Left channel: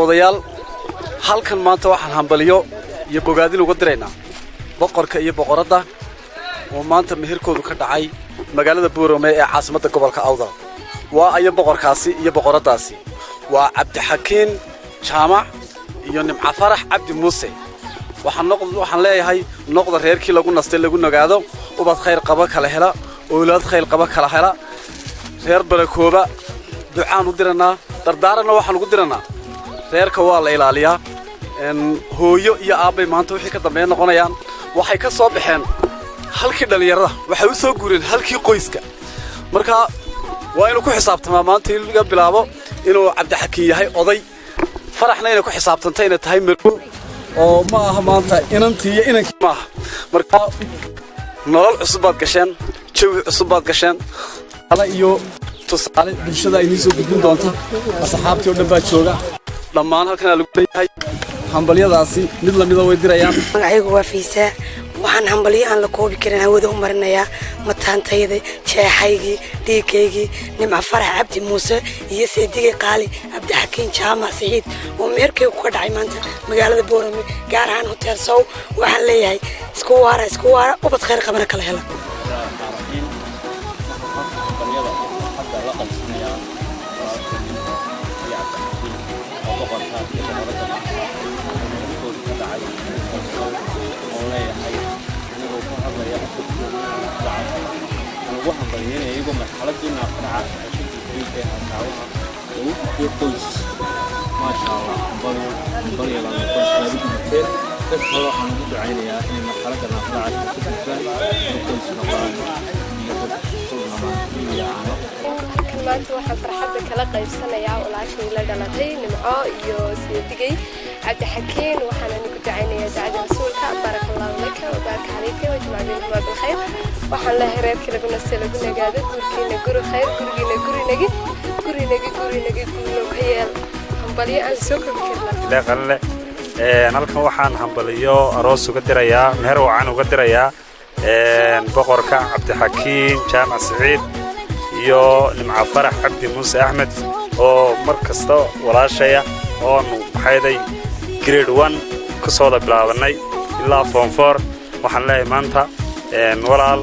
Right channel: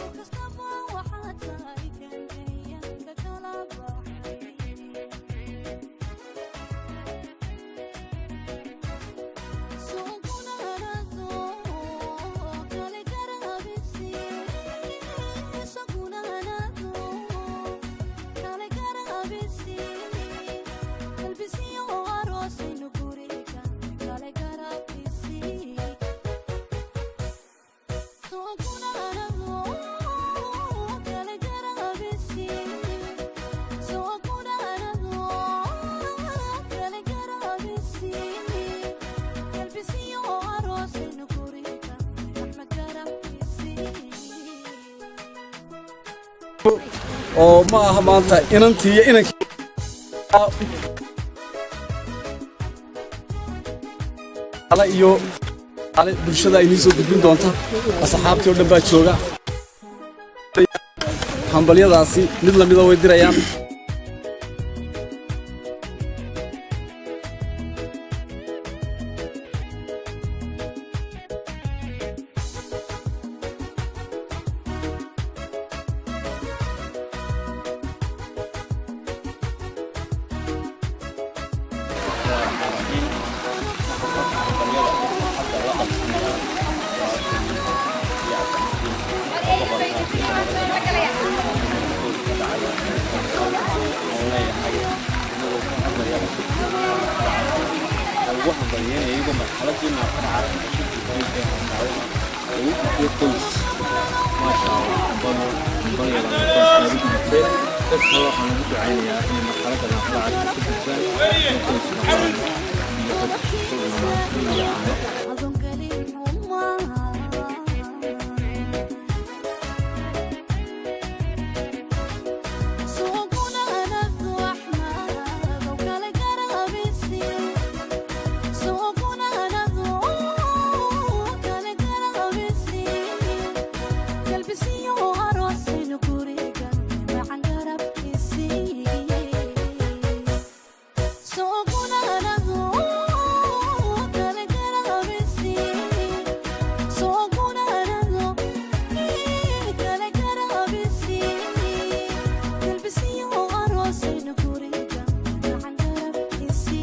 daawadayaal halkan maanta waxaan hambaliyo iyo bogaadin uga diraynaa boqorka iyo boqoradda oo maanta meherkoodu ka dhacay magaalada Boorame ee caasimadda gobolka Awdal waa ayo boqorkaasi iyo boqoraddaasi waa Cabdixakiin Jaamac iyo Nimco Farax Cabdi Muuse waxaan leeyahay noqda reerkii lagu nastay lagu nagaado ubad khayr qaba kala hela awlaad khayr qaba kala hela reer barakooba ducaan u diranaa dardaarana waxaan ugu diranaa reerka waa la ilaaliyaa hooyo iyo aabay maanta wixii ka dambeeya noqonayaan waxay ka soo baxeen halkii dhalinyarada waxay u soo guureen halkii qoyska marka waa inuu ku xisaabtamaa maanta in laga bilaabo inuu Cabdixakiin yahay oday faraxna inay ku xisaabtantay inay tahay markuu oo ma aha maanta inantii iyo inankii ma aha marka nolol cusub baad gasheen jawi cusub baad gasheen ala iyo tusaale bulshada ay soo gudbin doonta asxaabtii oo dhan baa jooga dhammaan halkan lagu leeyahay hambaliyadaasi mid la mid ah way dirayaan magacaygu waa Fiisa waxaan hambaliyo aan la koobi karin hawada u marinayaa mataantayda jeexaygii dhiigaygii Nimco Farax Cabdi Muuse iyo Seedigay Qaali Cabdixakiin Jaamac Saciid oo meherkaygu ka dhacay maanta magaalada Boorame gaar ahaan Hotel Sow waxaan leeyahay isku waara ubad khayr qabana kala hela waxaan baryeen iyagu marxaladina faraca ay ku jirtay hawlaha ugu qoys ma sha Allah baryada waxaan ugu ducaynayaa in marxaladana faraca ku jirtaan qoys noqdaan iyo maanta waxaan farxadda kala qaybsanayaa walaashay la dhalatay Nimco iyo Seedigay Cabdixakiin waxaan ugu ducaynayaa sacadka barakallahu laka wa baraka alayka wa jamaa'atu wa khayr waxaan la hereerka lagu nastay lagu nagaado guri khayr guri hambaliyo aan soo kordhiyay halkan waxaan hambaliyo aroos uga dirayaa meher wacan uga dirayaa boqorka Cabdixakiin Jaamac Saciid iyo Nimco Farax Cabdi Muuse Axmed oo markasta walaashaya oo maxayday grade 1 ka soo bilaabanay ilaa form 4 waxaan leeyahay maanta walaal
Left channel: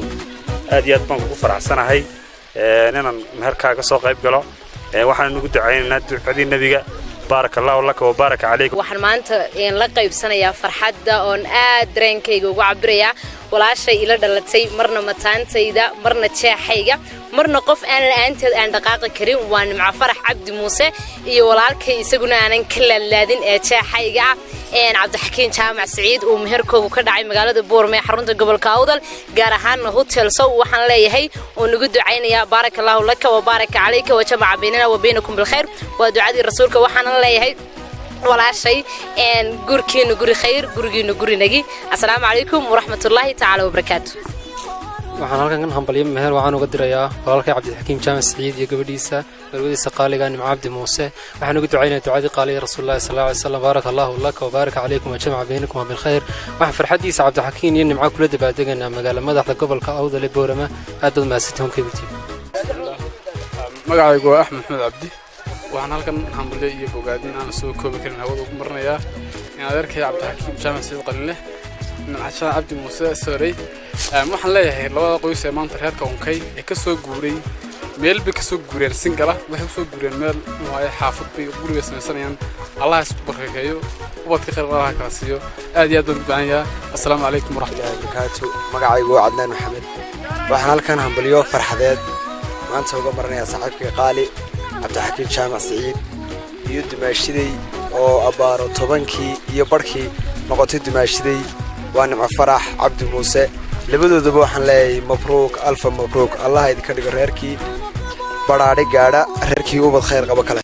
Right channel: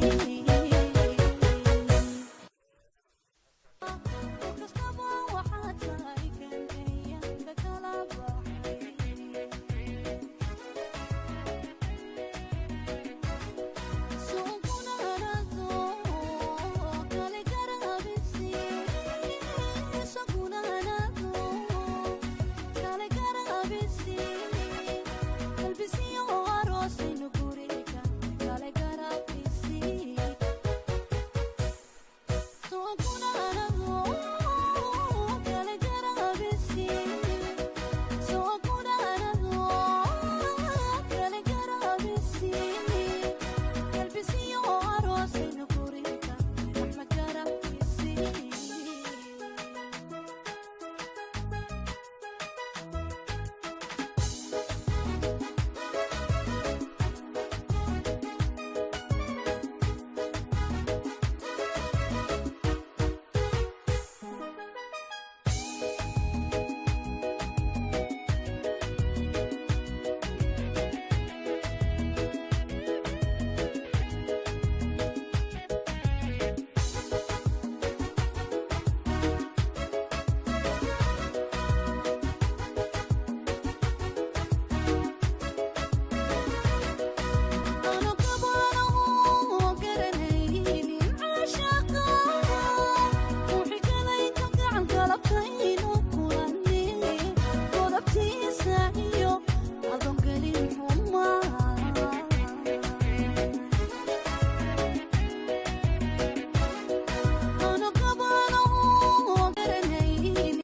aad iyo aad baan ku faraxsanahay inaan meherkaaga soo qayb galo waxaan ugu ducaynaynaa ducadii nabiga barakallahu laka wa baraka alayka waxaan maanta la qaybsanayaa farxadda oo aad dareenkayga ugu cabiraya walaashay ila dhalatay marna mataantayda marna jeexayga marna qof aan la'aanteed aan dhaqaaqi karin waa Nimco Farax Cabdi Muuse iyo walaalkay isaguna aanan ka laalaadin ee jeexayga Cabdixakiin Jaamac Saciid oo meherkoodu ka dhacay magaalada Boorame xarunta gobolka Awdal gaar ahaan Hotel Sow waxaan leeyahay oo nagu ducaynayaa barakallahu laka wa baraka alayka wa jama'a baynana wa baynakum bil khayr wa ducadii rasuulka waxaan leeyahay walaashay gurkiina guri khayr gurigiina guri nagi assalaamu calaykum wa rahmatullahi ta'ala wa barakaatuh waxaan halkan hambaliyo meher waxaan uga dirayaa walaalkay Cabdixakiin Jaamac Saciid iyo gabadhiisa qaaliga Nimco Cabdi Muuse waxaan ugu ducaynayaa ducadii qaaliga rasuulullah sallallahu alayhi wasallam barakallahu laka wa baraka alaykum wa jama'a baynakum bil khayr wax farxadiisa Cabdixakiin iyo Nimco kula dabaadeganaa magaalada madaxda gobolka Awdal ee Boorame aad baad maasitoon ka bitiin magacaygu waa Axmed Cabdi waxaan halkan hambaliyo iyo bogaadin aan soo koobi karin hawada ugu marinayaa in adeerkay Cabdixakiin Jaamac Saciid qalinle Nimco Cabdi Muuse Saray waxaan leeyahay labada qoys ee maanta reerka unkay ee ka soo guuray meel bay ka soo guureen singala waxay soo guureen meel ay xaafad bay guriga samaysanayaan Allah isku barakeeyo ubadka khayr qaba ka siiyo aad iyo aad u ducaynaya assalaamu calaykum wa rahmatullahi wa barakatuh magacaygu waa Cadnaan Maxamed waxaan halkan hambaliyo farxadeed maanta uga marinayaa saaxiibkay qaali Cabdixakiin Jaamac Saciid iyo dumaashiday oo abaaro 10kii iyo barkii noqotay dumaashiday waa Nimco Farax Cabdi Muuse labadoodaba waxaan leeyahay mabruuk alfa mabruuk Allah idinka dhigo reerkii baraadhe gaadha reerkii ubad khayr qaba kale